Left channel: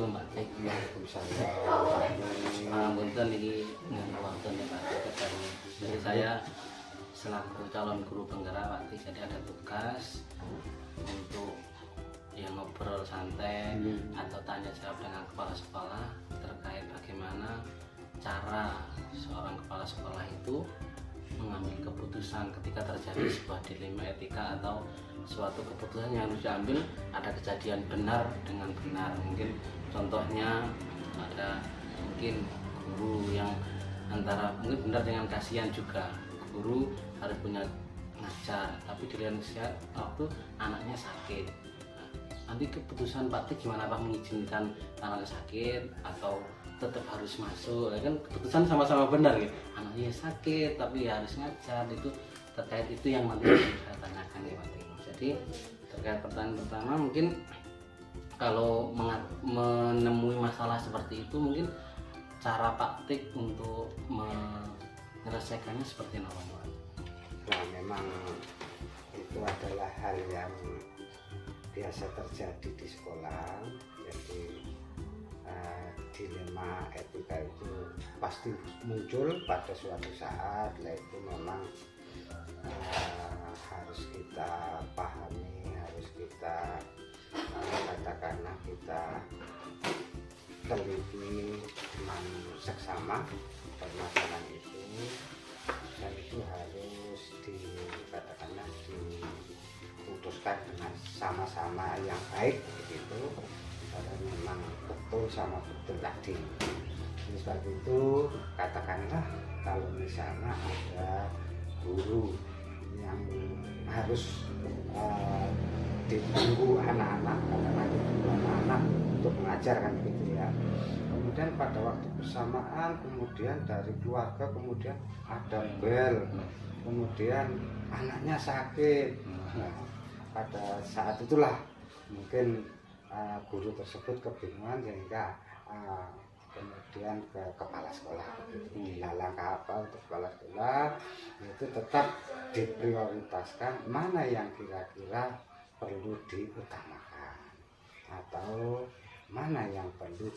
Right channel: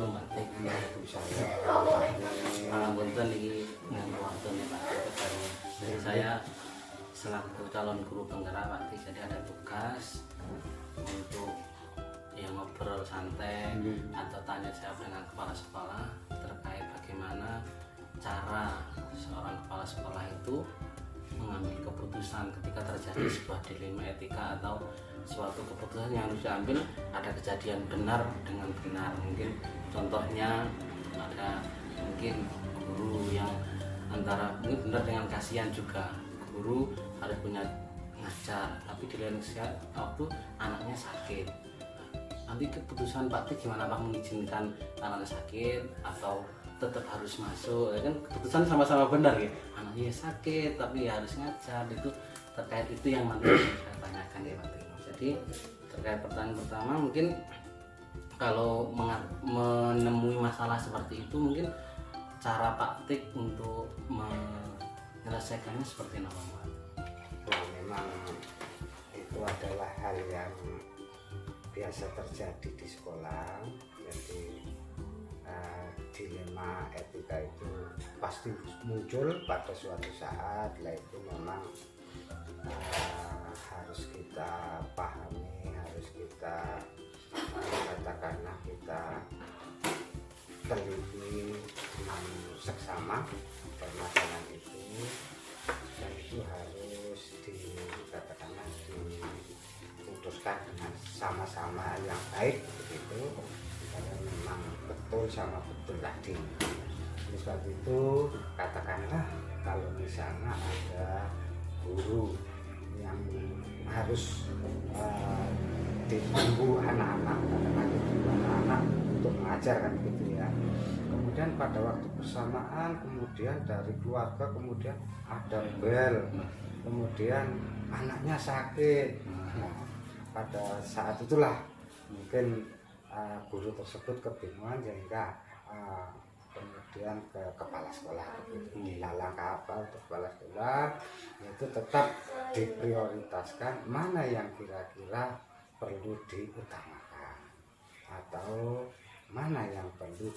wabarakatuh Mbak Tik. Waalaikumsalam. Pangapunten iki nganggo waktune Pak Tik. Jadi saya selaku calon guru penggerak Pak Tik, jadi ada tugas untuk ngobrol santai atau tanya jawab dengan kepala sekolah terkait bagaimana cara seorang kepala sekolah itu mengambil keputusan ketika terjadi sebuah dilema etika atau suatu keputusan yang harus diambil, ada kejadian benar dengan benar. Mungkin contohnya ada mungkin guru yang antara mungkin benar dengan kasihan juga. Guru harus punya ngajar, tapi di lain waktu anaknya sakit. Nanti keputusan Pak Tik gimana, Pak, mengizinkan anaknya sakit atau tetap harus masuk? Ya kan keputusan sama-sama benar ya, anaknya sakit tapi ya harus ngajar. Itu terkait itu yang nanti saya tanyakan ya Pak Tik. Jadi terkait pertanyaan pertama, mungkin kalau menemui masalah seperti itu, mungkin cara Pak Tik untuk menyelesaikannya seperti apa Pak? Nah, memang itu adalah hal yang biasa terjadi di sekolah. Jadi dilema etika itu pasti muncul pada suatu saat. Lah itu memang harus kita pahami, harus kita katakanlah kita teliti dengan seksama permasalahan itu, dan itu harus dikatakanlah diputuskan dengan sama-sama yang baik begitu, karena memang betul sama betul tadi. Jadi seperti itu, katakanlah kalau misalnya ada guru yang harus ditunggu anak-anak, katakanlah ditunggu anak-anak untuk mengajarkan begitu ya. Kemudian pada waktu bersamaan, kemudian dari keluarga kemudian ada bel, kemudian anaknya sakit. Nah, pada saat itulah mungkin guru tersebut kebingungan, sehingga kemudian ke kepala sekolah begitu. Langkah apa untuk kepala sekolah itu tetap diprioritaskan mana yang kira-kira perlu diutamakan atau mana yang perlu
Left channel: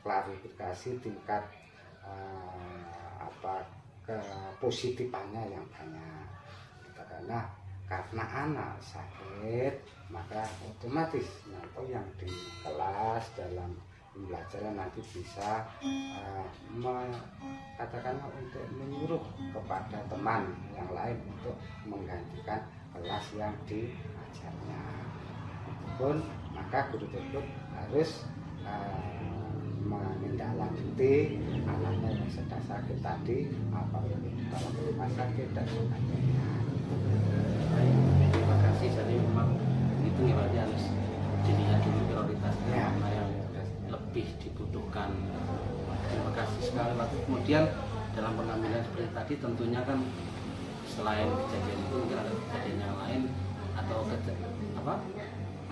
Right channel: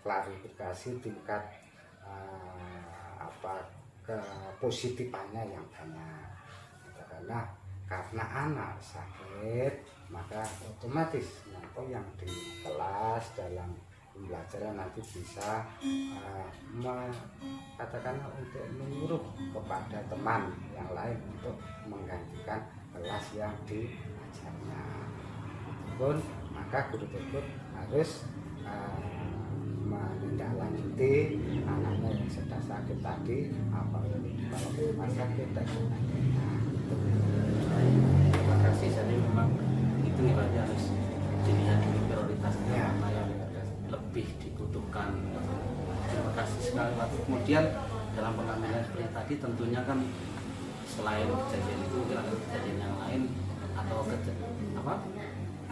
klarifikasi tingkat kepositifannya yang banyak. Karena anak sakit, maka otomatis nanti yang di kelas dalam pembelajaran nanti bisa katakanlah untuk menyuruh kepada teman yang lain untuk menggantikan kelas yang diajarnya. Pun maka guru tersebut harus menindaklanjuti anaknya yang sedang sakit tadi, apalagi kalau rumah sakit dan sebagainya. Terima kasih. Jadi memang itu nih berarti harus dilihat dulu prioritasnya ya, mana yang lebih dibutuhkan. Terima kasih sekali Pak. Kemudian dalam pengambilan seperti tadi tentunya kan selain kejadian itu mungkin ada kejadian yang lain atau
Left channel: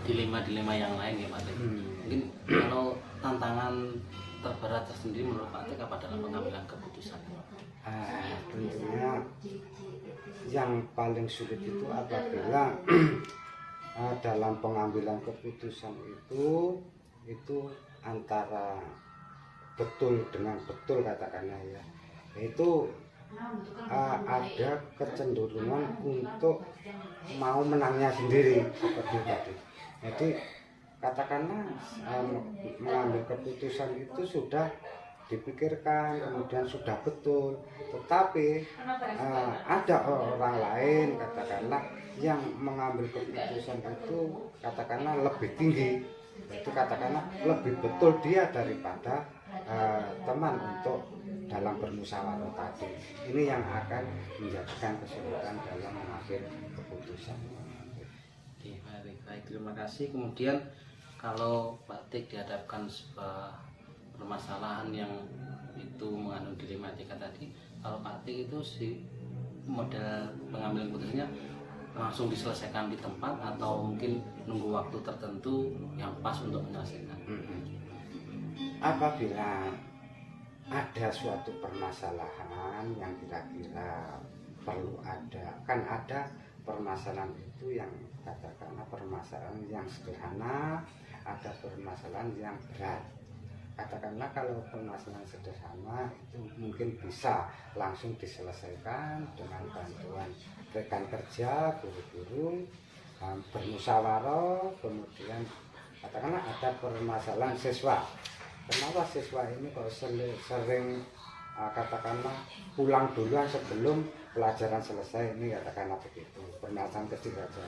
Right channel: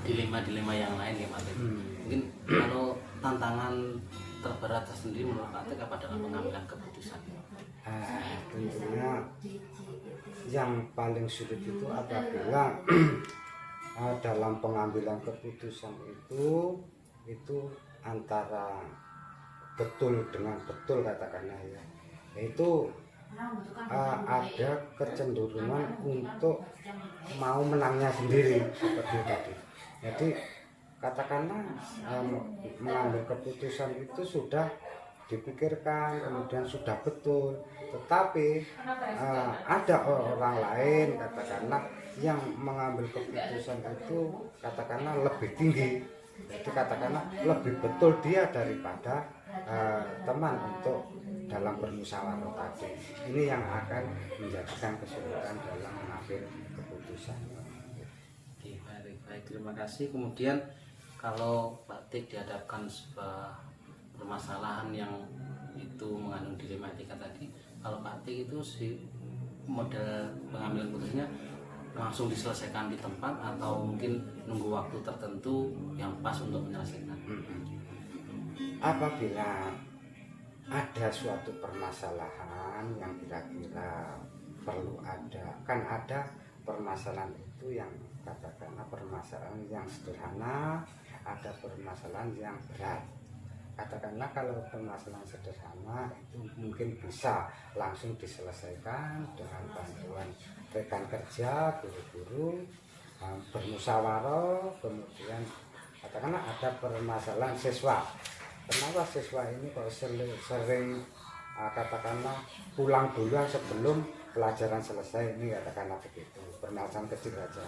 dilema-dilema yang lain ya Pak. Mungkin kalau tantangan terberat tersendiri menurut Pak Tik apa dalam pengambilan keputusan? Tentunya yang paling sulit itu apabila dalam pengambilan keputusan itu antara betul dengan betul, katakanlah ya, yaitu ada kecenderungan untuk mau menangnya sendiri seperti tadi. Jadi katakanlah mengambil keputusan itu sudah dipikirkan, kemudian sudah betul, tetapi ada orang lain katakanlah yang mengambil keputusan itu katakanlah lebih tinggi, jadi katakanlah lebih betul dia daripada teman untuk dalam bermusyawarah tadi. Ini yang akan menjadikan kesulitan dalam mengambil keputusan. Baik, terima kasih. Kemudian kalau Pak Tik dihadapkan sebuah permasalahan yang itu mengandung dilema etika tadi, kalau Pak Tik itu si model pengambilan keputusannya langsung diselesaikan di tempat atau mungkin nunggu waktu tertentu yang pas untuk menyelesaikan? Apabila ada suatu permasalahan yang kira-kira perlu ada permasalahan itu yang katakanlah permasalahan yang sederhana, ada permasalahan yang berat. Katakanlah kalau permasalahan sederhana itu mungkin bisa langsung diselesaikan dengan bantuan rekan kerja, guru-guru, bermusyawarah. Kemudian katakanlah ada permasalahan siswa, kenapa siswa ini kok sering katakanlah pulang duluan sebelum pelajaran selesai, ini katakanlah begitu, permasalahan kecil saja.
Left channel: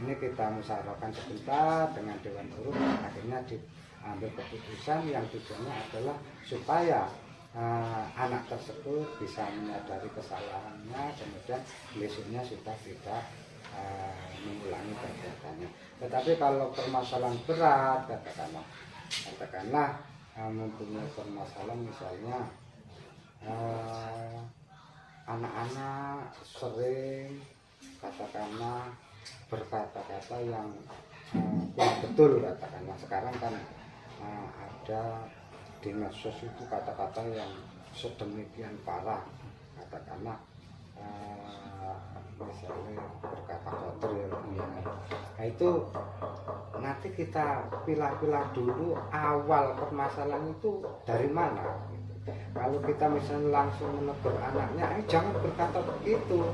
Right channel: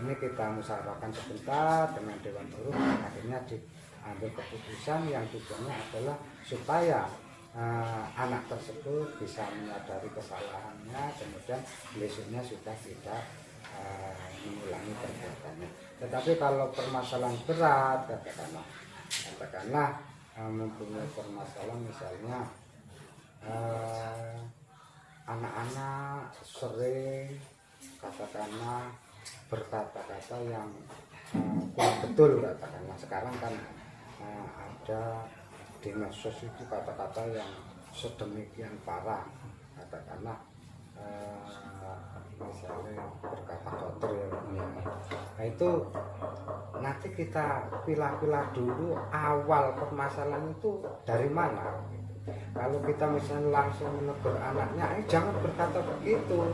Ini kita musyawarahkan sebentar dengan Dewan Guru, akhirnya diambil keputusan yang tujuannya adalah supaya anak tersebut bisa menyadari kesalahannya, kemudian besoknya sudah tidak mengulangi perbuatannya. Tetapi kalau permasalahan berat, katakanlah mempunyai permasalahan misalnya anak-anak sering katakanlah berkata-kata yang kurang betul, katakanlah sekarang kan ada di medsos itu kata-kata yang sedemikian parah, katakanlah misalnya berkata kotor ya. Nah, itu nanti kita pilah-pilah dulu awal permasalahan itu dari mana. Kalau kita misalnya langsung menegur anaknya, jangan berkata begitu,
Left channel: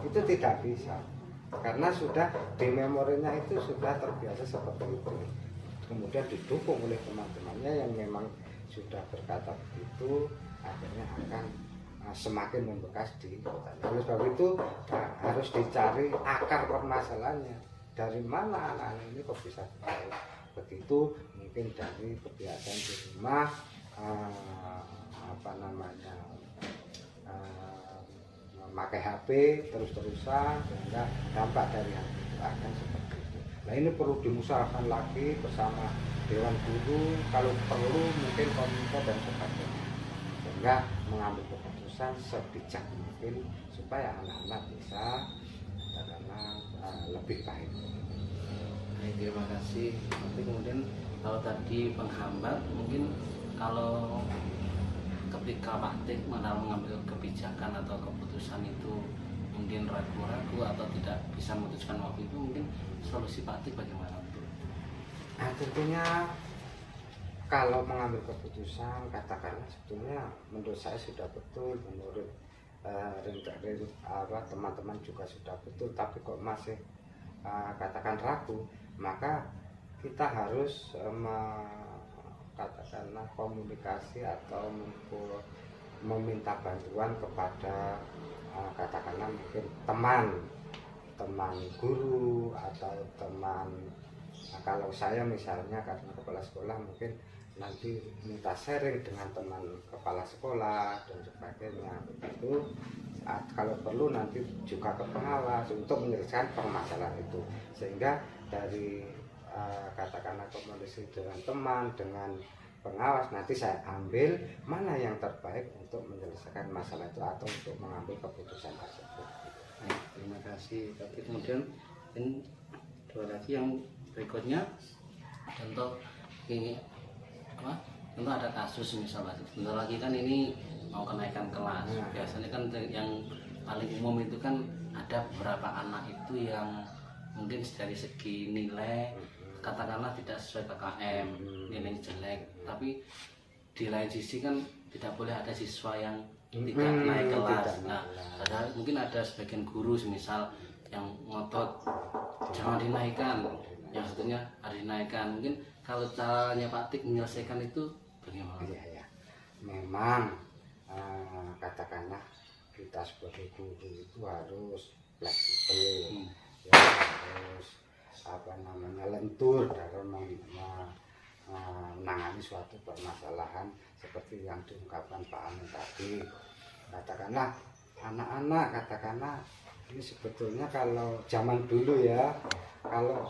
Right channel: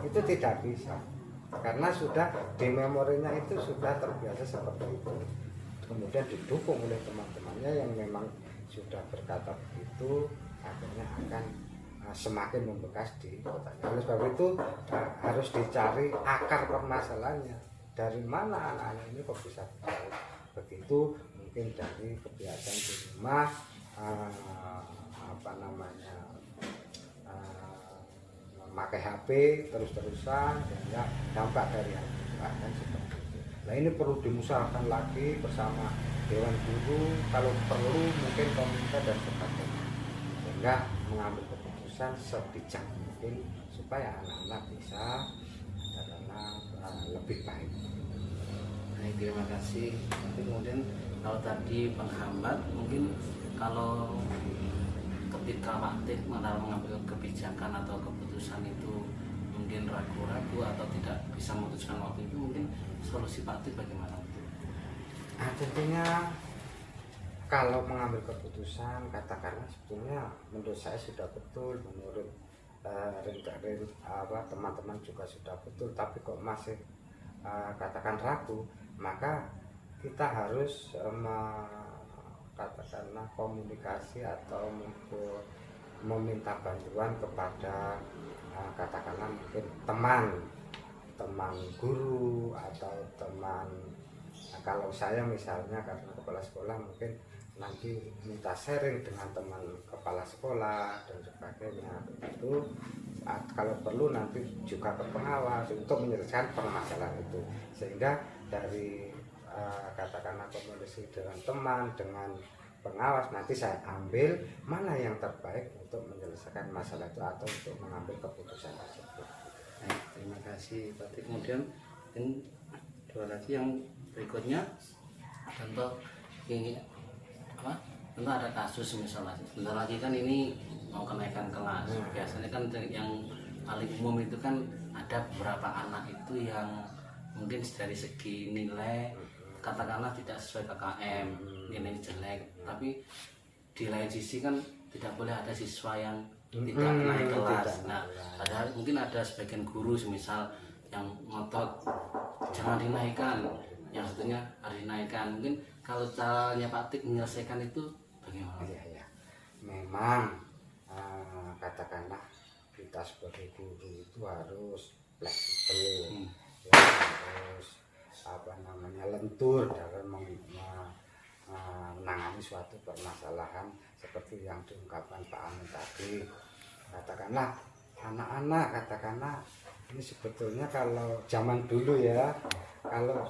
itu tidak bisa, karena sudah di memorinya itu sudah terbiasa seperti itu. Kemudian didukung oleh teman-temannya yang memang sudah berkata begitu, akhirnya akan semakin membekas di otaknya. Oleh sebab itu harus dicari akar permasalahannya, dari mana anak-anak ini kok bisa begitu. Mungkin dari kebiasaan di rumah, memakai HP terus-terusan, sehingga dampak dari hal itu akan seperti itu. Nah, ini perlu dimusyawarahkan lagi bersama Dewan Guru, kalau perlu mungkin pemerintah dan sebagainya, sehingga mengambil keputusan sebijak mungkin supaya anak-anak bisa lebih baik. Baik, terima kasih. Tapi kemudian kalau tadi penghambat, mungkin kalau ketika Pak Tik mengambil kebijakan atau keputusan itu mungkin ragu-ragu atau tidak bisa memutuskan waktu itu, mungkin solusi Pak Tik bagaimana? Tentunya kalau mengambil keputusan, katakanlah sebetulnya menurut saya sudah betul, menurut teman-teman juga sudah betul, tapi kok masih katakan ragu, maka kita harus katakanlah komunikasi atau meminta bantuan kepada katakanlah mungkin teman guru atau teman. Kalau saya misalnya karena kepala sekolah, mungkin nanti minta sharing dengan teman kepala sekolah dan sebagainya. Itu kalau perlu nanti juga ke pengawas untuk menyelesaikan permasalahan itu, sehingga dari katakanlah komunikasi dengan teman, dengan pengawas, nanti saya ambil mana yang terbaik untuk menyelesaikan masalah itu atau untuk mengambil keputusan tersebut. Nah, terima kasih. Tapi kemudian ini dua lagi yang berikutnya, contoh ini contoh ada kasus misalnya, bentar lagi kan ini mau kenaikan kelas. Biasanya kan yang paling umum itu kan ada beberapa anak itu yang mungkin dari segi nilai katakanlah tidak sesuai KKM, nilai jelek, tapi di lain sisi kan tidak boleh ada siswa yang tidak naik kelas. Nah, padahal mungkin ada sebagian guru misal yang ngotot jangan dinaikkan, yang satunya harus dinaikkan. Mungkin kalau caranya Pak Tik menyelesaikan itu bagaimana? Ya. Memang katakanlah kita sebagai guru itu harus fleksibel, ya, harus lentur dalam menangani suatu permasalahan seperti yang diungkapkan Pak Amin tadi. Katakanlah anak-anak, katakanlah ini sebetulnya kalau zaman dulu ya, kalau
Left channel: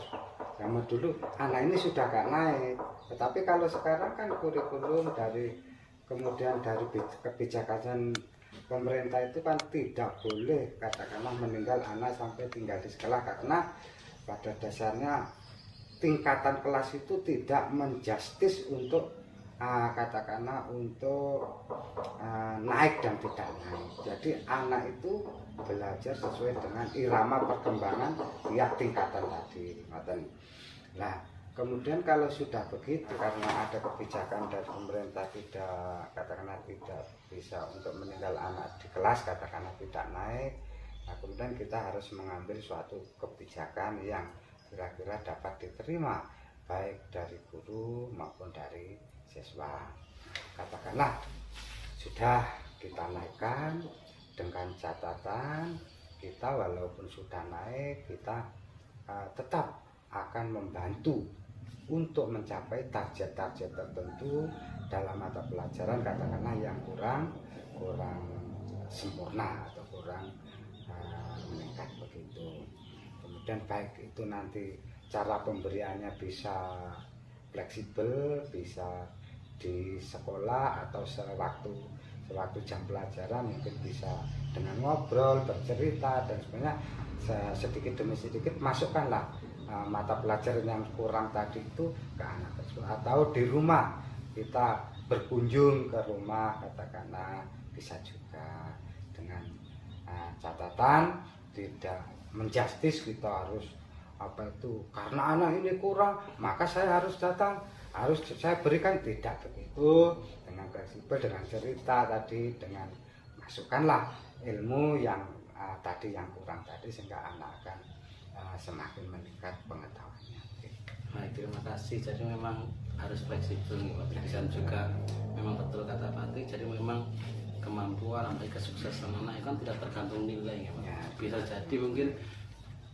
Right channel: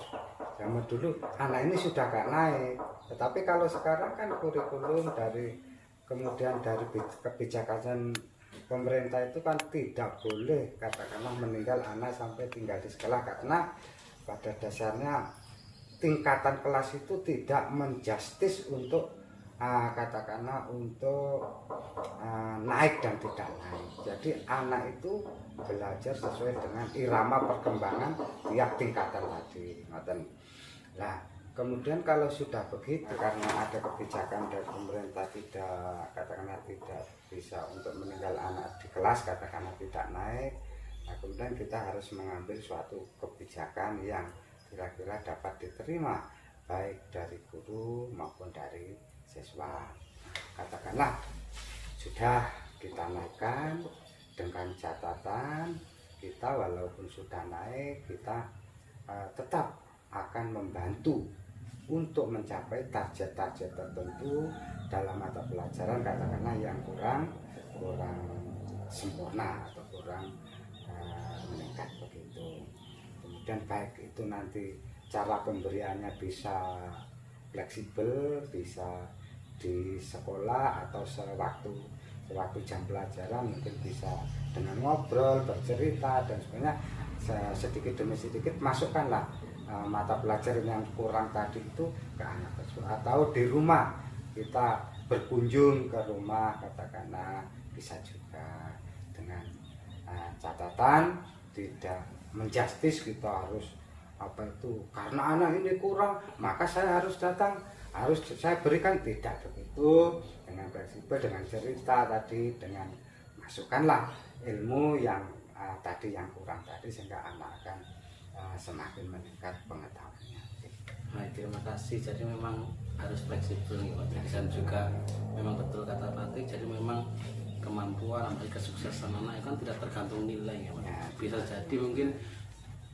zaman dulu anak ini sudah gak naik, tetapi kalau sekarang kan kurikulum kemudian dari kebijakan pemerintah itu kan tidak boleh katakanlah meninggal anak sampai tinggal di sekolah, karena pada dasarnya tingkatan kelas itu tidak menjustis untuk katakanlah untuk naik dan tidak naik. Jadi anak itu belajar sesuai dengan irama perkembangan tiap tingkatan tadi. Nah, Kemudian kalau sudah begitu, karena ada kebijakan dari pemerintah tidak, katakanlah tidak bisa untuk meninggal anak di kelas, katakanlah tidak naik, nah kemudian kita harus mengambil suatu kebijakan yang kira-kira dapat diterima baik dari guru maupun dari siswa. Katakanlah sudah kita naikkan dengan catatan kita walaupun sudah naik, kita tetap akan membantu untuk mencapai target-target tertentu dalam mata pelajaran katakanlah yang kurang sempurna atau kurang meningkat begitu. Kemudian baik itu nanti cara pemberiannya bisa fleksibel, bisa di sekolah atau sewaktu jam pelajaran mungkin bisa dengan ngobrol, bercerita dan sebagainya, sedikit demi sedikit masukkanlah mata pelajaran yang kurang tadi itu ke anak tersebut. Atau di rumah kita berkunjung ke rumah katakanlah bisa juga, dengan catatan tidak menjustis kita harus apa itu karena anak ini kurang maka saya harus datang, harus saya berikan, tidak begitu. Dengan fleksibel, dengan cerita tadi, dengan masukkanlah ilmu yang tadi yang kurang tadi sehingga anak akan semakin meningkat pengetahuannya. Baik, terima kasih. Jadi memang harus fleksibel nih Pak Trik, dan juga memang betul kata Pak Trik, jadi memang kemampuan atau kesuksesan anak itu kan tidak tergantung nilai ya Pak. Ya, bisa jadi mungkin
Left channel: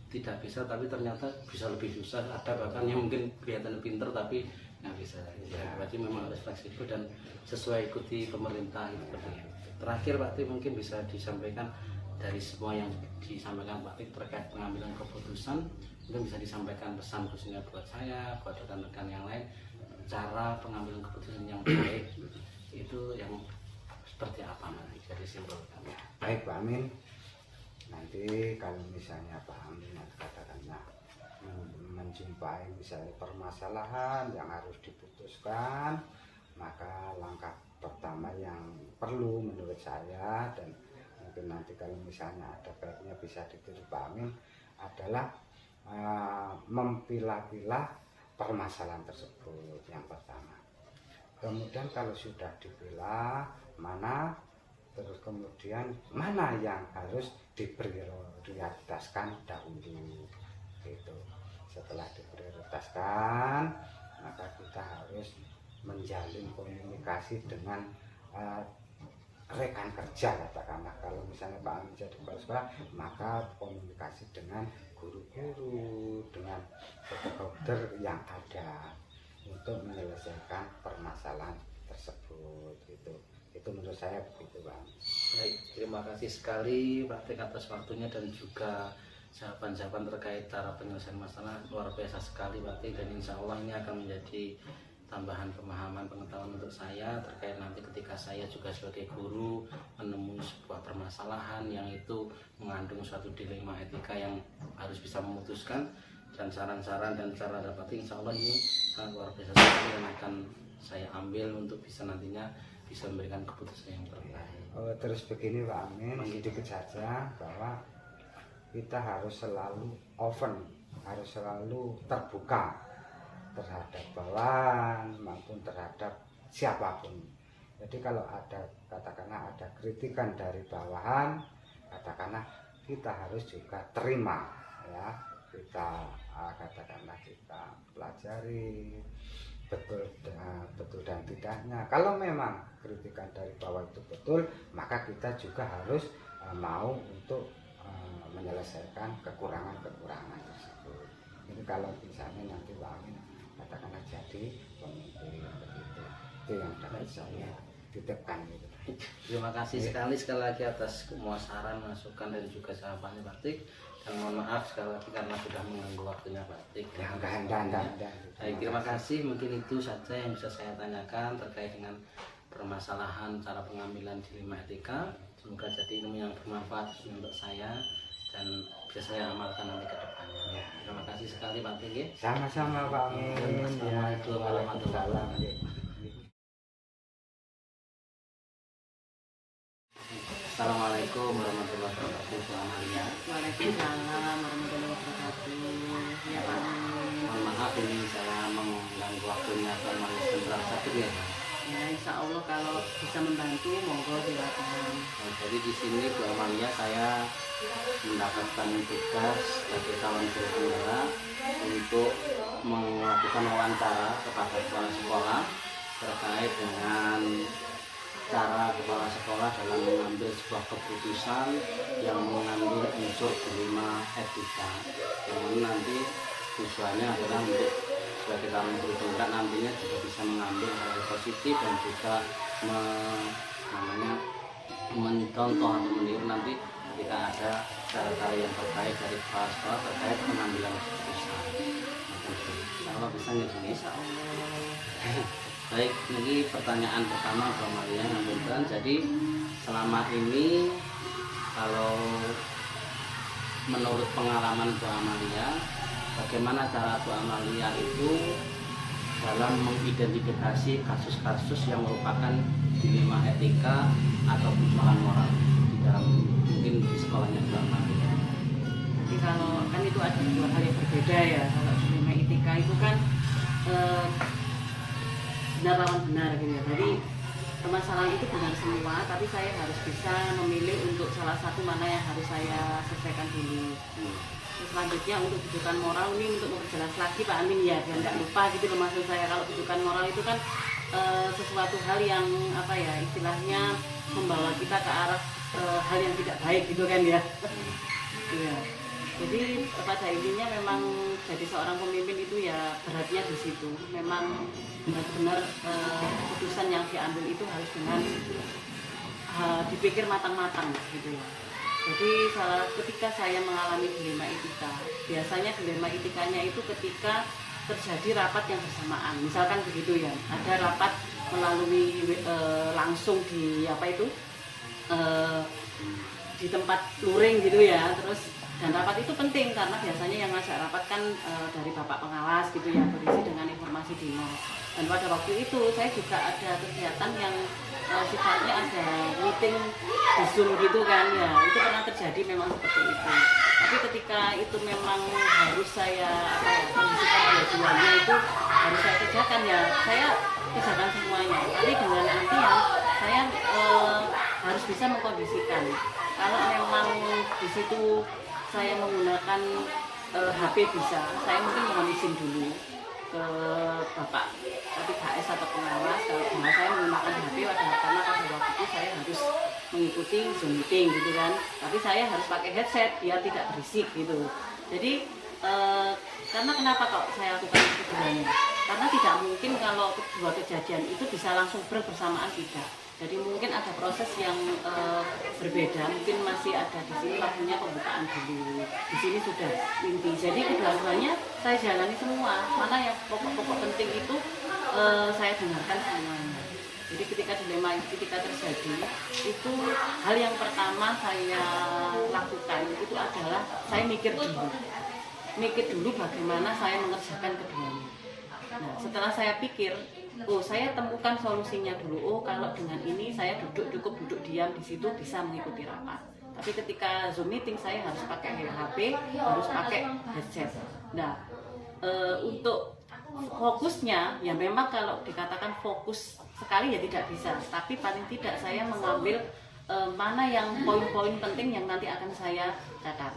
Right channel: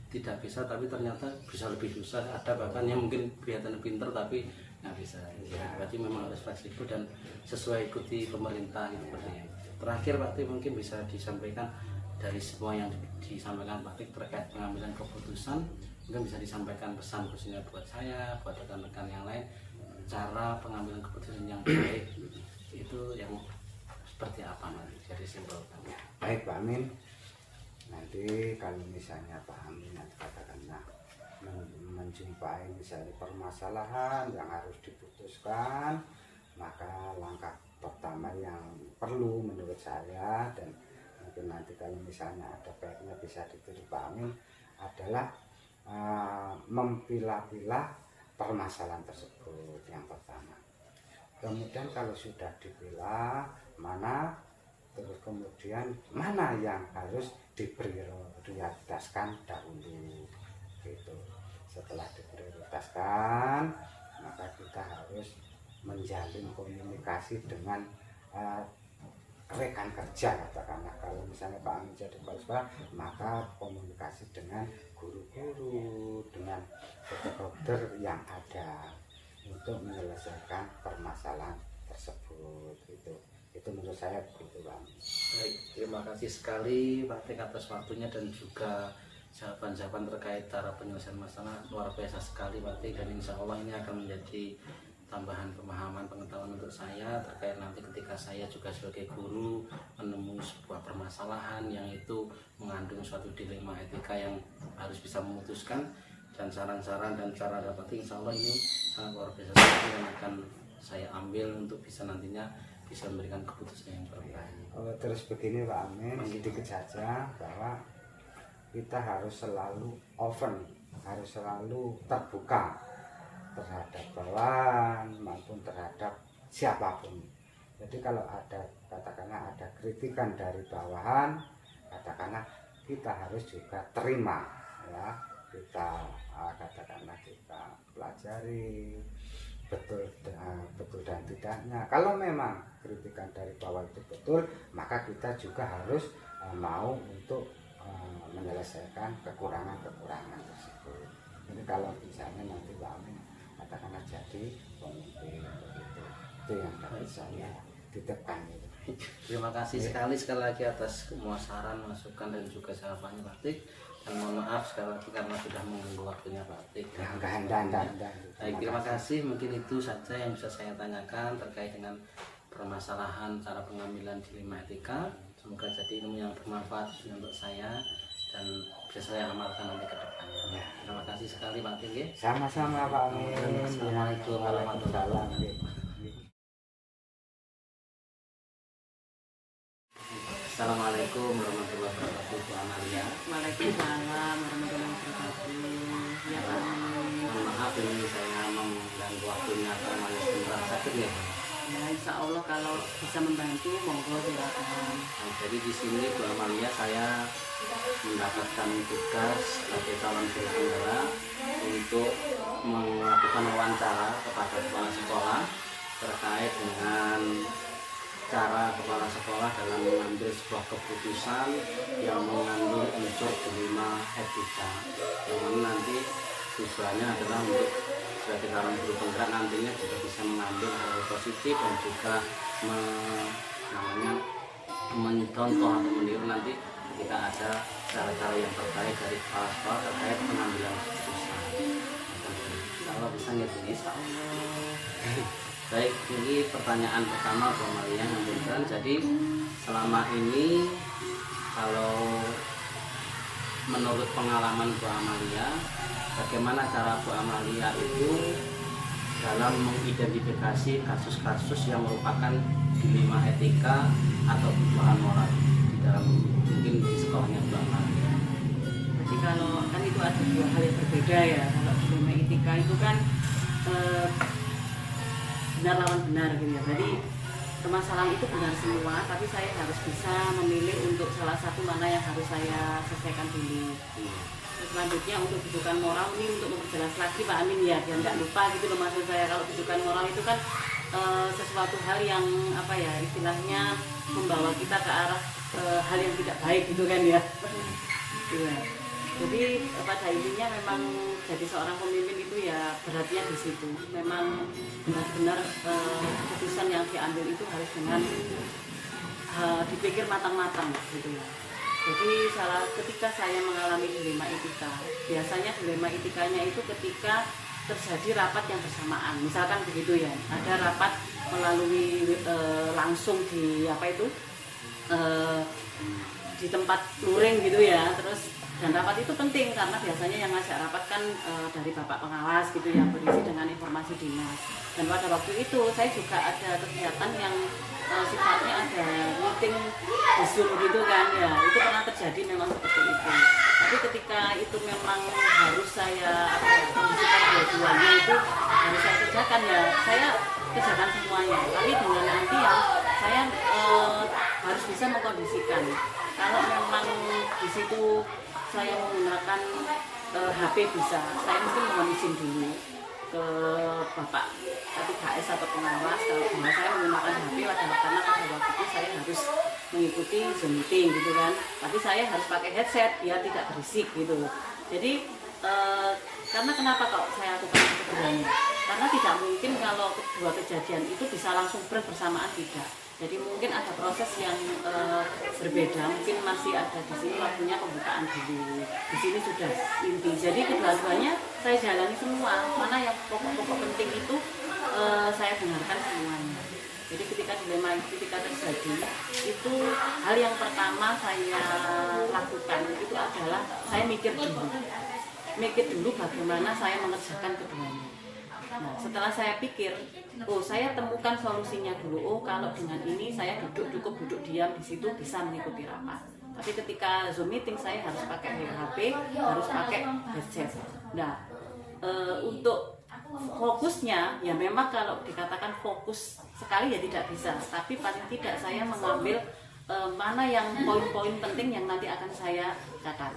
tidak bisa tapi ternyata bisa lebih susah, ada bahkan yang mungkin kelihatan pinter tapi nggak bisa. Ya, berarti memang harus fleksibel dan sesuai ikuti pemerintah itu seperti itu. Terakhir Pak Trik mungkin bisa disampaikan dari semua yang disampaikan Pak Trik terkait pengambilan keputusan, mungkin bisa disampaikan pesan khususnya buat saya, buat rekan-rekan yang lain, cara pengambilan keputusan yang baik itu yang seperti apa nanti, jadi simpulkan. Ya, baik Pak Amin. Nanti kalau misalnya Pak Amin nanti katakanlah menjumpai misalnya permasalahan yang harus diputuskan, maka langkah pertama yang perlu menurut saya, dan mungkin nanti kalau misalnya ada baiknya bisa ditiru Pak Amin, adalah memilah-pilah permasalahan tersebut yang pertama. Kemudian kalau sudah dipilah mana, terus kemudian mana yang harus diprioritaskan dahulu gitu. Setelah diprioritaskan maka kita harus menjalin komunikasi dengan rekan kerja katakanlah. Kalau misalnya Pak Amin jadi kepala sekolah, maka komunikasi dengan guru-guru, dengan dokter yang ada untuk menyelesaikan permasalahan tersebut gitu. Itu menurut saya begitu Bang. Baik, terima kasih sekali Pak Trik atas waktunya dan juga jawaban-jawaban terkait cara penyelesaian masalah, luar biasa sekali Pak Trik, dan insya Allah ini akan menjadi tambahan pemahaman pengetahuan untuk saya terkait nanti ketika saya juga sebagai guru menemui sebuah permasalahan yang itu mengandung suatu dilema etika yang harus bisa memutuskan, dan saran-saran dan cara dapat insya Allah ini sangat luar biasa sekali yang akan saya ambil untuk bisa nantinya bisa memberikan keputusan yang terbaik. Terus begini Pak Amin, sedikit saja bahwa kita harus selalu open, harus selalu terbuka terhadap bawahan maupun terhadap siapapun. Jadi kalau ada katakanlah ada kritikan dari bawahan, katakanlah kita harus juga terima ya, kita katakanlah kita pelajari betul dan tidaknya. Kalau memang kritikan dari bawah itu betul, maka kita juga harus mau untuk menyelesaikan kekurangan-kekurangan tersebut. Jadi kalau misalnya nanti Pak Amin katakanlah jadi pemimpin begitu, itu yang dapat saya titipkan gitu. Terima kasih sekali lagi atas semua saran, masukan dan juga jawabannya Pak Trik. Dan mohon maaf sekali lagi karena sudah mengganggu waktunya Pak Trik. Baik, terima kasih. Mungkin itu saja yang bisa saya tanyakan terkait dengan permasalahan cara pengambilan dilema etika. Semoga jadi ilmu yang bermanfaat untuk saya dan bisa saya amalkan nanti ke depannya. Ya, terima kasih sekali Pak Trik. Sama-sama Pak Amin. Assalamualaikum warahmatullahi wabarakatuh. Assalamualaikum warahmatullahi wabarakatuh, Bu Amalia. Waalaikumsalam warahmatullahi wabarakatuh. Ya Pak Amin. Mohon maaf ini saya waktunya Pak Malia sebentar sakit ya Pak? Ya, insya Allah kalau bisa membantu, monggo silakan. Nah, jadi di sini Bu Amalia saya mendapatkan tugas sebagai calon guru penggerak untuk melakukan wawancara kepada kepala sekolah terkait dengan cara kepala sekolah dalam mengambil sebuah keputusan yang mengandung unsur dilema etika, yang mana nanti tujuannya adalah untuk sebagai calon guru penggerak nantinya juga bisa mengambil hal positif dan juga mencontoh atau meniru nanti ketika ada cara-cara yang terbaik dari kepala sekolah terkait pengambilan keputusan. Kalau bisa nggak Insya Allah. Baik, ini pertanyaan pertama Bu Amalia ngapunten. Jadi selama ini kalau menurut pengalaman Bu Amalia, bagaimana cara Bu Amalia itu dalam mengidentifikasi kasus-kasus yang merupakan dilema etika atau kebutuhan moral di dalam mungkin di sekolahnya Bu Amalia? Jadi kalau kan itu ada dua hal yang berbeda ya. Kalau dilema etika itu kan benar lawan benar gitu ya. Jadi permasalahan itu benar semua, tapi saya harus bisa memilih untuk salah satu mana yang harus saya selesaikan dulu. Selanjutnya untuk kebutuhan moral ini untuk memperjelas lagi Pak Amin ya, biar nggak lupa gitu loh maksud saya. Kalau kebutuhan moral itu kan sesuatu hal yang apa ya istilahnya membawa kita ke arah hal yang tidak baik gitu kan ya. Iya. Jadi pada intinya memang jadi seorang pemimpin itu ya beratnya di situ. Memang benar-benar keputusan yang diambil itu harus dengan dipikir matang-matang gitu ya. Jadi ketika saya mengalami dilema etika, biasanya dilema etikanya itu ketika terjadi rapat yang bersamaan. Misalkan begitu ya, ada rapat melalui langsung di apa itu di tempat luring gitu ya. Terus dan rapat itu penting karena biasanya yang ngajak rapat kan dari bapak pengawas gitu ya, berisi dengan informasi dinas. Dan pada waktu itu saya juga ada kegiatan yang sifatnya ada meeting di Zoom gitu kan ya, itu pernah terjadi memang seperti itu. Tapi ketika itu memang harus saya kondisikan dua-duanya itu harus saya kerjakan ya, saya kerjakan semuanya. Tapi dengan nanti ya saya harus bisa mengkondisikan. Kalau memang di situ saya menggunakan HP bisa, saya mungkin mohon izin dulu ke Bapak K3S atau pengawas kalau saya menggunakan HP karena pada waktu itu saya harus mengikuti Zoom meeting gitu kan, tapi saya harus pakai headset biar tidak berisik gitu. Jadi karena kenapa kok saya lakukan keduanya? Karena tidak mungkin kalau kedua kejadian itu bisa langsung bersamaan, tidak. Jadi mungkin ada proses yang berbeda, mungkin masih ada di sini waktunya pembukaan dulu, di sini sudah inti. Jadi kedua-duanya saya jalani semua, mana yang pokok-pokok penting itu saya dengarkan semuanya. Jadi ketika dilema etika terjadi, itu hal yang pertama saya lakukan itu adalah saya mikir dulu bagaimana saya mengerjakan keduanya. Nah, setelah saya pikir, saya temukan solusinya dulu. Kalau dengan ini saya cukup duduk diam di situ bisa mengikuti rapat. Tapi ketika Zoom meeting saya harus pakai HP, harus pakai headset. Nah, untuk fokusnya ya memang kalau dikatakan fokus sekali ya tidak bisa. Tapi paling tidak saya mengambil mana yang poin-poin penting yang nanti akan saya catat.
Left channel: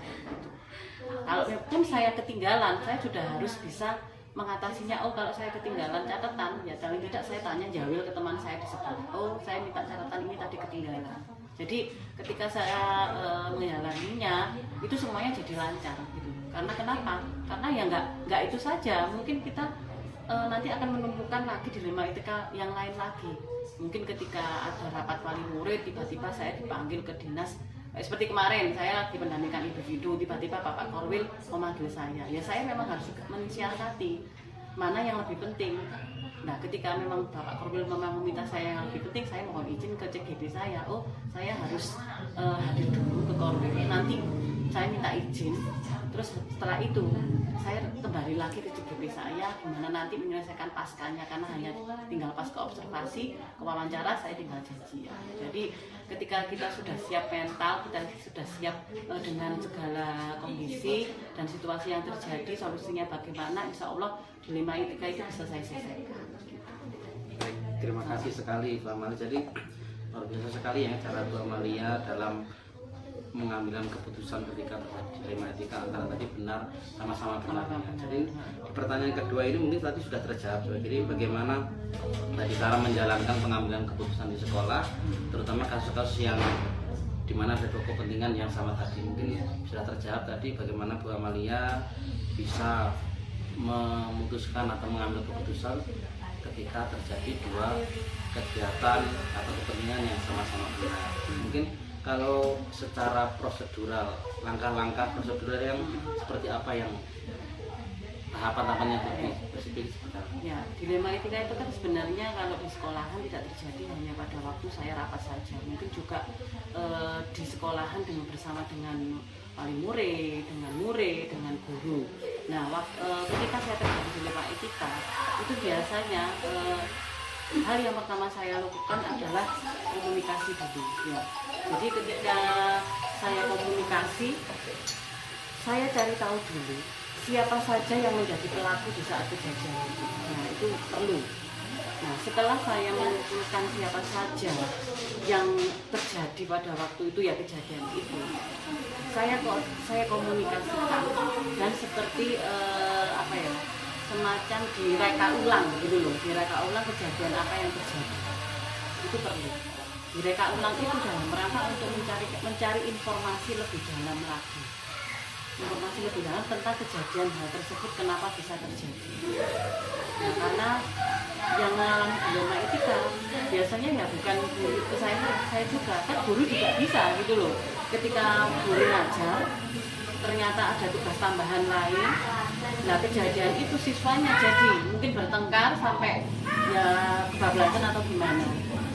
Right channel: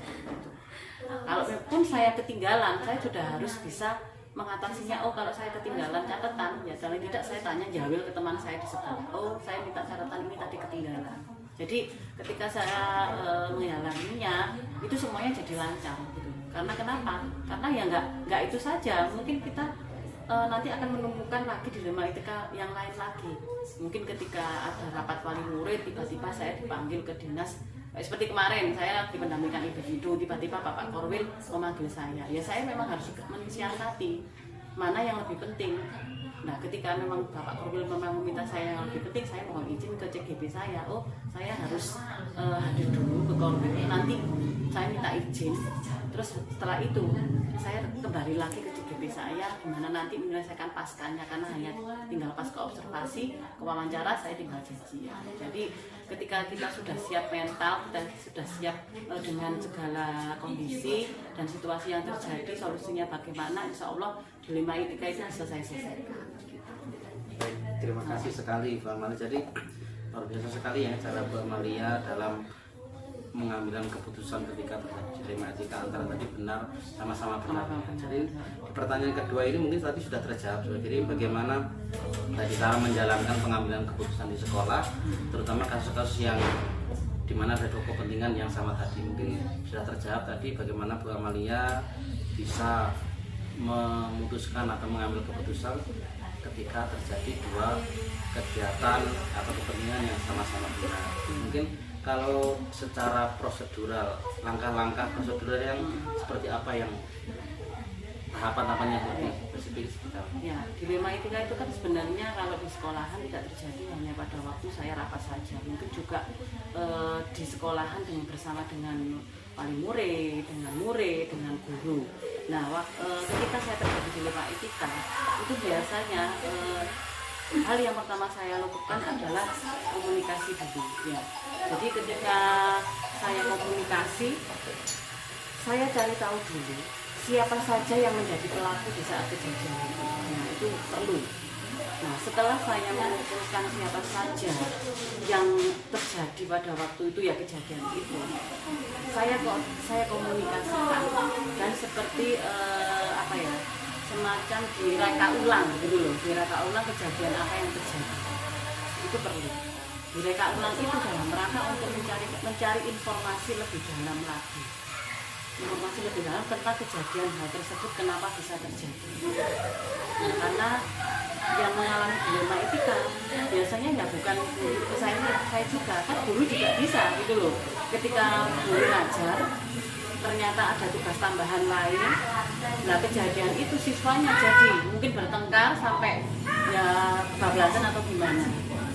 Kalau pun saya ketinggalan, saya sudah harus bisa mengatasinya. Kalau saya ketinggalan catatan ya paling tidak saya tanya jawil ke teman saya di sebelah, saya minta catatan ini tadi ketinggalan. Jadi ketika saya menjalaninya itu semuanya jadi lancar gitu. Karena kenapa? Karena ya nggak itu saja, mungkin kita nanti akan menumbuhkan lagi dilema etika yang lain lagi. Mungkin ketika ada rapat wali murid tiba-tiba saya dipanggil ke dinas. Seperti kemarin saya dipendampingkan individu, tiba-tiba Bapak Korwil memanggil saya. Ya saya memang harus mensiasati mana yang lebih penting. Nah ketika memang Bapak Korwil memang meminta saya yang lebih penting, saya mohon izin ke CGB saya. Saya harus hadir dulu ke Korwil. Nanti saya minta izin. Terus setelah itu saya kembali lagi ke CGB DP saya gimana nanti menyelesaikan paskanya, karena hanya tinggal pasca observasi ke wawancara saya tinggal janji ya. Jadi ketika kita sudah siap mental, kita sudah siap dengan segala kondisi dan situasi yang terjadi, solusinya bagaimana, insya Allah dilema etika itu bisa saya selesaikan. Baik, terima kasih sekali Bu Amalia. Jadi luar biasa sekali ya cara Bu Amalia dalam mengambil keputusan ketika terjadi dilema etika antara tadi benar sama-sama benar. Jadi di pertanyaan kedua ini mungkin tadi sudah terjawab. Jadi bagaimana tadi cara menjalankan pengambilan keputusan di sekolah, terutama kasus-kasus yang dimana ada dua kepentingan yang sama tadi, mungkin sudah terjawab tadi bagaimana Bu Amalia bisa memutuskan atau mengambil keputusan ketika terjadi dua kegiatan atau kepentingan yang sama-sama benar. Mungkin kalau secara prosedural, langkah-langkah prosedural yang seperti apa yang tahapan-tahapan yang lebih spesifik? Ya, dilema etika itu kan sebenarnya kalau di sekolahan tidak terjadi hanya pada waktu saya rapat saja, mungkin juga di sekolahan bersama dengan wali murid, dengan guru. Nah, ketika saya terjadi dilema etika, itu biasanya hal yang pertama saya lakukan adalah komunikasi dulu. Ya. Jadi ketika saya komunikasi, saya cari tahu dulu siapa saja yang menjadi pelaku di saat kejadian itu. Nah, itu perlu. Nah, setelah saya mengumpulkan siapa saja yang terjadi pada waktu itu ya kejadian itu, saya komunikasikan dan seperti semacam direka ulang gitu loh, direka ulang kejadian apa yang terjadi. Itu perlu. Direka ulang itu dalam rangka untuk mencari informasi lebih dalam lagi. Informasi lebih dalam tentang kejadian hal tersebut kenapa bisa terjadi. Nah, karena yang mengalami dilema etika biasanya ya bukan guru itu saya juga, kan guru juga bisa gitu loh. Ketika guru ngajar ternyata ada tugas tambahan lain, nah kejadian itu siswanya jadi mungkin bertengkar sampai ya kebablasan atau gimana.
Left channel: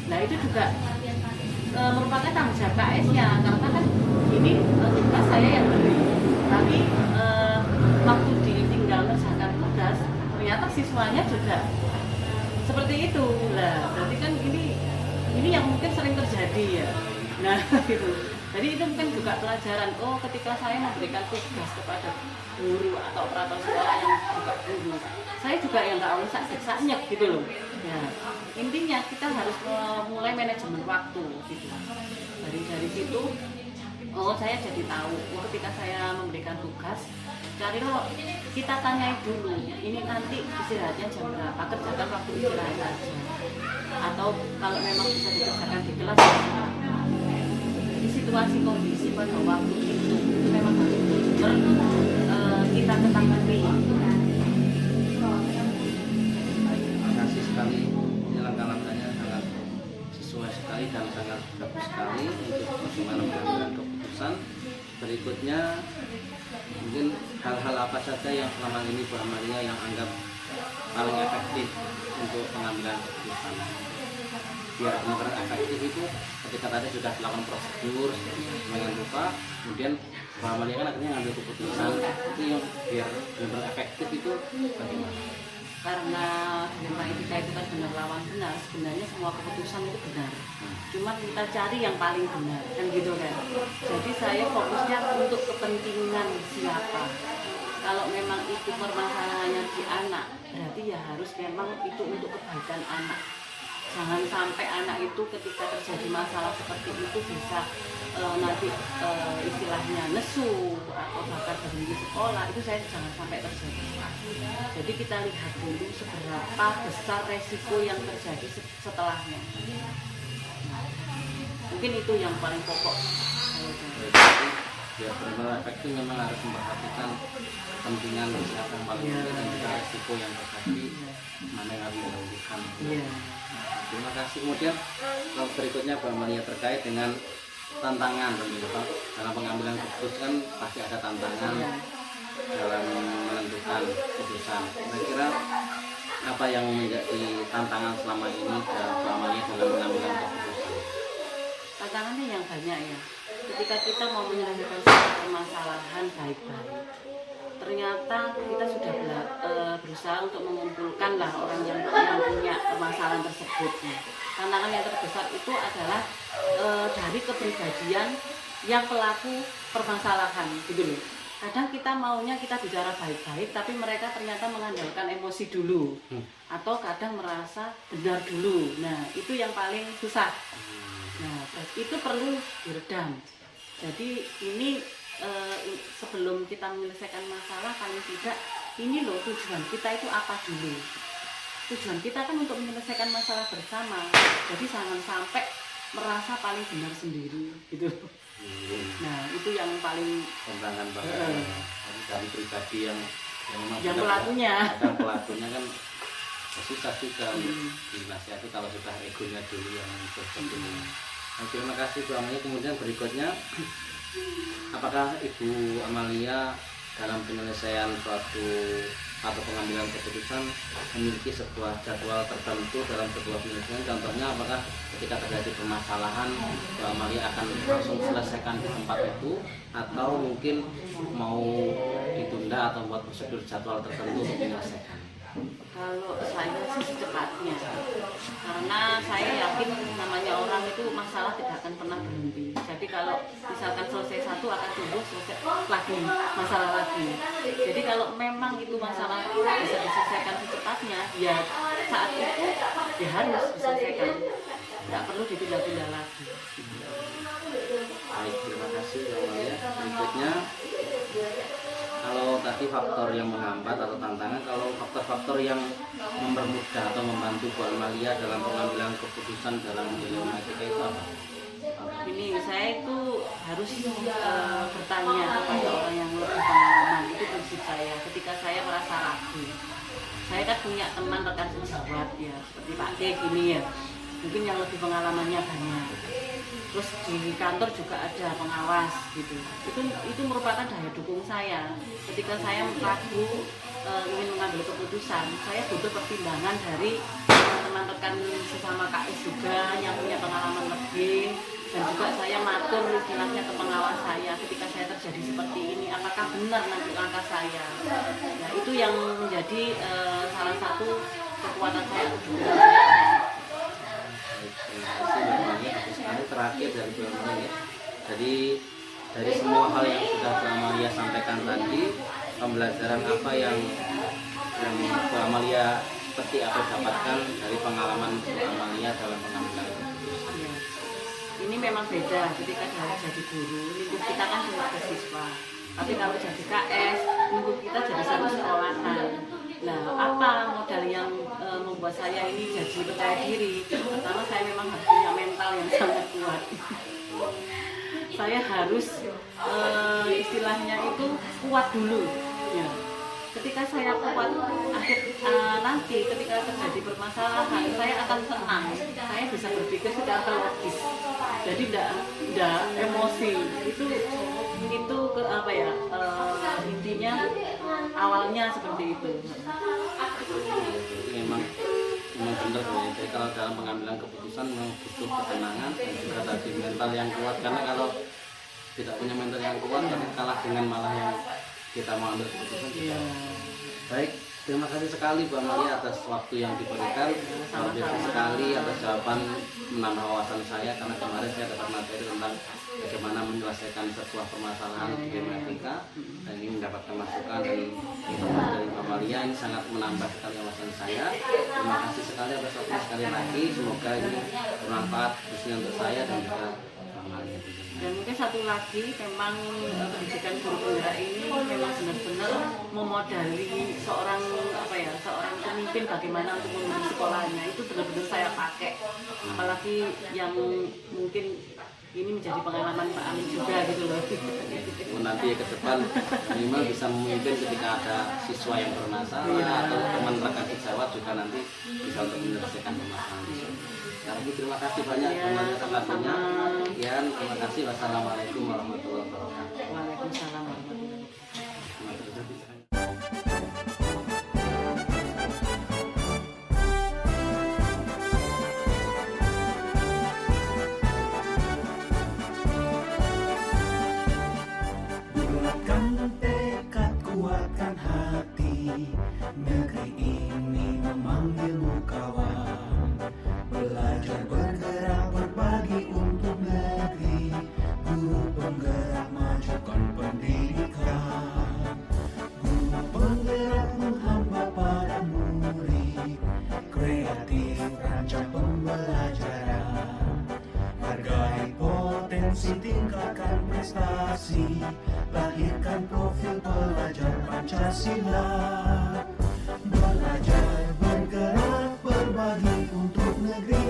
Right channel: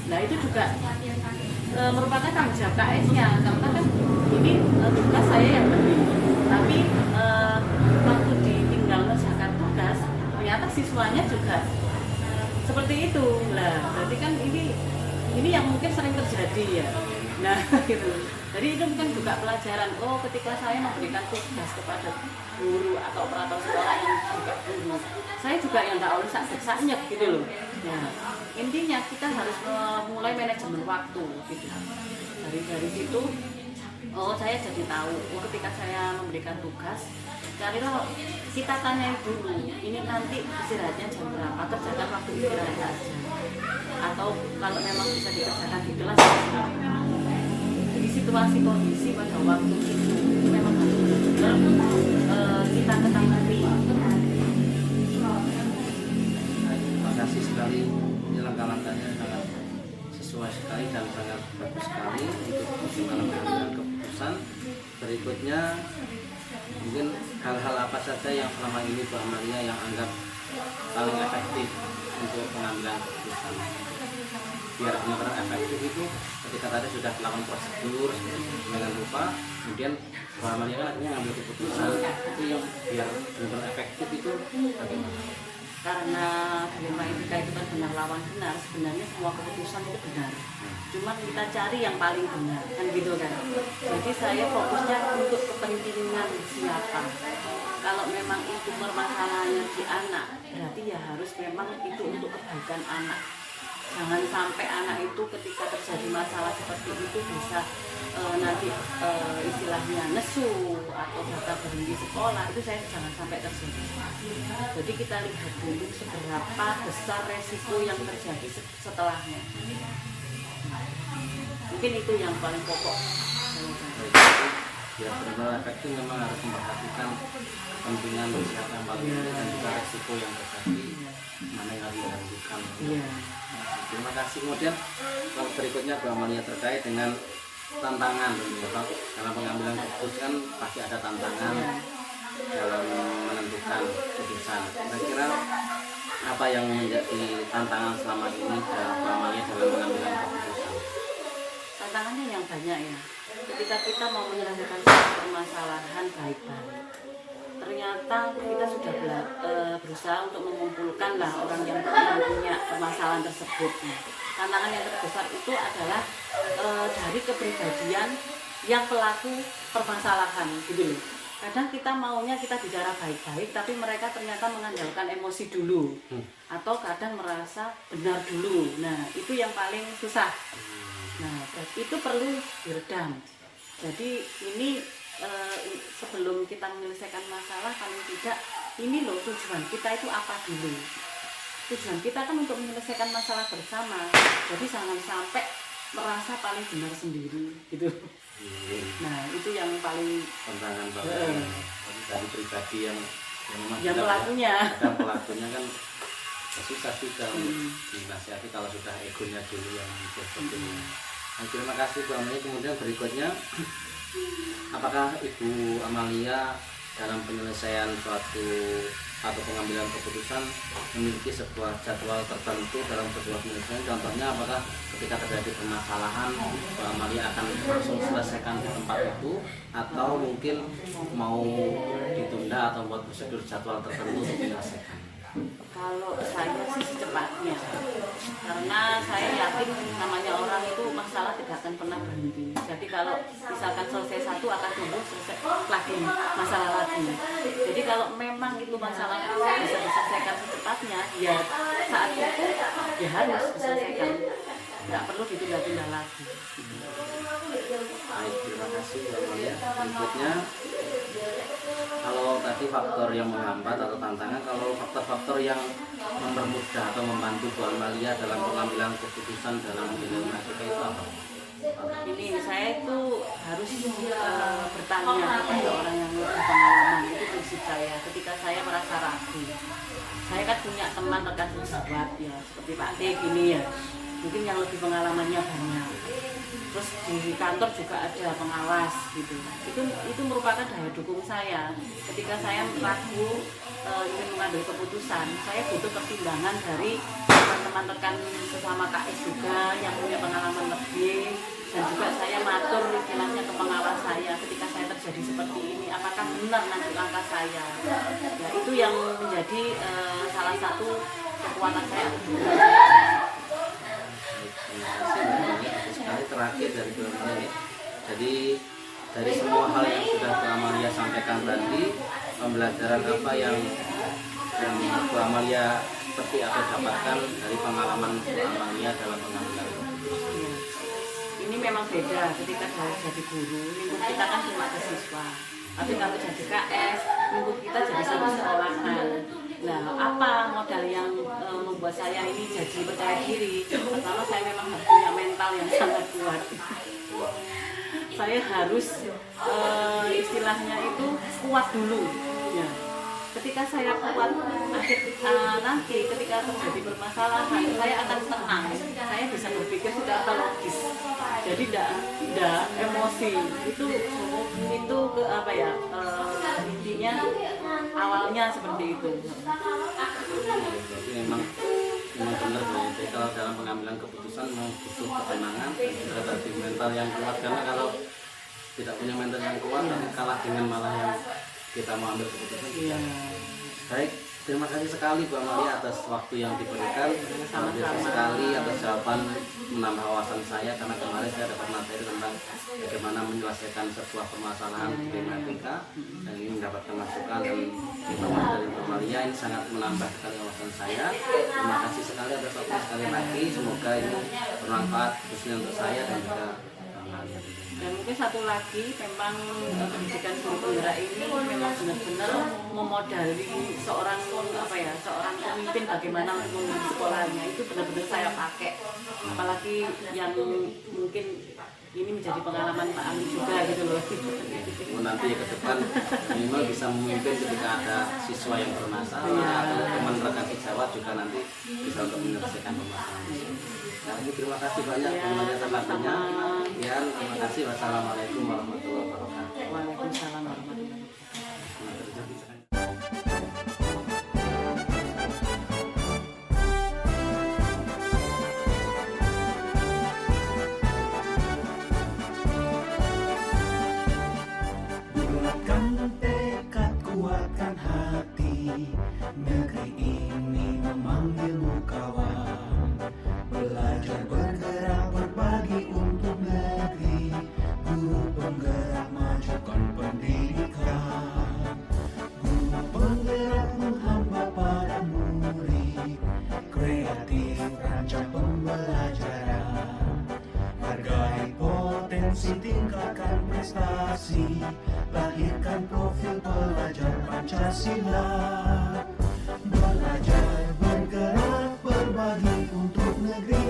Nah itu juga merupakan tanggung jawab KS-nya, karena kan ini tugas saya yang beri, tapi waktu ditinggal mengerjakan tugas ternyata siswanya juga seperti itu. Nah berarti kan ini yang mungkin sering terjadi ya. Nah gitu. Jadi itu mungkin juga pelajaran. Oh, ketika saya memberikan tugas kepada guru atau operator sekolah yang juga guru, saya juga yang tak oleh sakit gitu loh. Ya, intinya kita harus mulai manajemen waktu gitu. Dari situ, oh saya jadi tahu. Oh, ketika saya memberikan tugas, karena kita tanyai dulu, ini nanti istirahatnya jam berapa, kerjakan waktu istirahat aja. Atau kalau memang bisa dikerjakan di kelas, situasi kondisi pada waktu itu memang harus benar-benar kita ketahui. Terima kasih sekali, ini langkah-langkahnya sangat sesuai sekali dan sangat bagus sekali untuk bagaimana mengambil keputusan. Berikutnya mungkin hal-hal apa saja yang selama ini Bu Amalia yang anggap paling efektif untuk pengambilan keputusan, biar benar-benar efektif itu ketika tadi sudah dilakukan prosedur dengan lupa, kemudian Bu Amalia kan akhirnya ngambil keputusan itu yang biar benar-benar efektif itu bagaimana? Karena dilema etika itu kan benar lawan benar, sebenarnya semua keputusan itu benar, cuma kita cari yang paling benar kan gitu kan. Jadi saya fokusnya untuk kepentingan siapa. Kalau memang itu permasalahannya di anak, berarti ya harus memang itu untuk kebaikan anak. Jangan sampai anak itu ketika terjadi masalah seperti itu bisa nanti istilahnya nesu atau bahkan berhenti sekolah, itu saya jangan sampai terjadi. Jadi kita lihat dulu seberapa besar resiko yang terjadi setelahnya. Nah, mungkin itu yang paling pokok. Biar benar-benar efektif memang harus memperhatikan kepentingan siapa yang paling penting dan juga resiko yang terjadi, mana yang harus dilakukan. Terima kasih. Kemudian berikutnya Bu Amalia terkait dengan tantangan tentunya Pak, dalam pengambilan keputusan pasti ada tantangan dalam menentukan keputusan. Kira-kira apa yang menjadi tantangan selama ini Bu Amalia dalam pengambilan keputusan? Tantangannya yang banyak ya. Ketika kita mau menyelesaikan suatu permasalahan baik-baik, ternyata kita sudah berusaha untuk mengumpulkan lah orang yang punya permasalahan tersebut. Nah, tantangan yang terbesar itu adalah dari kepribadian yang pelaku permasalahan gitu loh. Kadang kita maunya kita bicara baik-baik, tapi mereka ternyata mengandalkan emosi dulu, atau kadang merasa benar dulu. Nah, itu yang paling susah. Nah, itu perlu diredam. Jadi ini sebelum kita menyelesaikan masalah, paling tidak ini loh tujuan kita itu apa dulu. Tujuan kita kan untuk menyelesaikan masalah bersama. Jadi jangan sampai merasa paling benar sendiri gitu. Nah, itu yang paling tantangan banget dari pribadi yang memang yang pelakunya. Kadang pelakunya kan susah juga untuk dinasihati kalau sudah egonya dulu yang seperti ini. Nah, terima kasih Bu Amalia. Kemudian berikutnya, apakah Ibu Amalia dalam penyelesaian suatu atau pengambilan keputusan memiliki sebuah jadwal tertentu dalam sebuah penyelesaian? Contohnya, apakah ketika terjadi permasalahan Bu Amalia akan langsung selesaikan di tempat itu, atau mungkin mau ditunda atau membuat prosedur jadwal tertentu untuk menyelesaikan? Kalau saya sih secepatnya, karena saya yakin namanya orang itu masalah tidak akan pernah berhenti. Jadi kalau misalkan selesai satu akan tumbuh selesai lagi masalah lagi. Jadi kalau memang itu masalah itu bisa diselesaikan secepatnya, ya saat itu ya harus diselesaikan, nggak perlu ditunda-tunda lagi. Baik, terima kasih Bu Amalia. Berikutnya, kalau tadi faktor yang menghambat atau tantangan, kalau faktor-faktor yang mempermudah atau membantu Bu Amalia dalam pengambilan keputusan dalam dilematika itu apa? Ini saya itu harus bertanya kepada orang yang lebih pengalaman. Itu prinsip saya. Ketika saya merasa ragu, saya kan punya teman rekan sejawat ya, seperti Pak T gini ya, mungkin yang lebih pengalamannya banyak. Terus di kantor juga ada pengawas gitu. Itu merupakan daya dukung saya. Ketika saya ragu ingin mengambil keputusan, saya butuh pertimbangan dari teman-teman rekan sesama KS juga yang punya pengalaman lebih, dan juga saya matur istilahnya ke pengawas saya ketika saya terjadi seperti ini, apakah benar nanti langkah saya. Nah, itu yang menjadi salah satu kekuatan saya. Terima kasih Bu Amalia. Sekali terakhir dari Bu Amalia. Jadi dari semua hal yang sudah Bu Amalia sampaikan tadi, pembelajaran apa yang Bu Amalia seperti apa dapatkan dari pengalaman Bu Amalia dalam pengambilan keputusan? Ya. Ini memang beda ketika jadi guru, lingkup kita kan cuma ke siswa. Tapi kalau jadi KS, lingkup kita jadi satu sekolahan. Nah, apa modal yang membuat saya ini jadi percaya diri? Pertama, saya memang harus punya mental yang sangat kuat. Saya harus istilahnya itu kuat dulu. Ya. Ketika saya kuat, nanti ketika terjadi permasalahan, saya akan tenang. Saya bisa berpikir sudah logis. Jadi tidak emosi. Itu ke apa ya? Intinya awalnya seperti itu. Jadi memang benar ya. Jadi kalau dalam pengambilan keputusan memang butuh ketenangan dan juga tadi mental yang kuat, karena kalau tidak punya mental yang kuat nanti kalah dengan malah yang kita mau ambil keputusan. Iya. Baik, terima kasih sekali Bu Amalia atas waktu yang diberikan. Luar biasa sekali atas jawaban, menambah wawasan saya, karena kemarin saya dapat materi tentang bagaimana menyelesaikan sebuah permasalahan di tematika, dan ini mendapatkan masukan dan informasi dari Bu Amalia. Ini sangat menambah sekali wawasan saya. Terima kasih sekali atas waktunya sekali lagi. Semoga ini bermanfaat khususnya untuk saya dan juga Bu Amalia. Ya, mungkin satu lagi, memang pendidikan guru penggerak ini memang benar-benar memodali seorang pemimpin bagaimana untuk memimpin sekolahnya. Itu benar-benar saya pakai, apalagi yang mungkin ini menjadi pengalaman Pak Ami juga gitu loh. Nanti ke depan minimal bisa memimpin ketika ada siswa yang bermasalah atau teman rekan sejawat juga nanti bisa untuk menyelesaikan permasalahan. Sekali lagi terima kasih banyak Bu Amalia atas waktunya. Sekian, terima kasih. Wassalamualaikum warahmatullahi wabarakatuh. Waalaikumsalam warahmatullahi wabarakatuh. Bulatkan tekad, kuatkan kreatif, rancang pembelajaran. Hargai potensi, tingkatkan prestasi, lahirkan profil pelajar Pancasila. Belajar, bergerak, berbagi untuk negeri,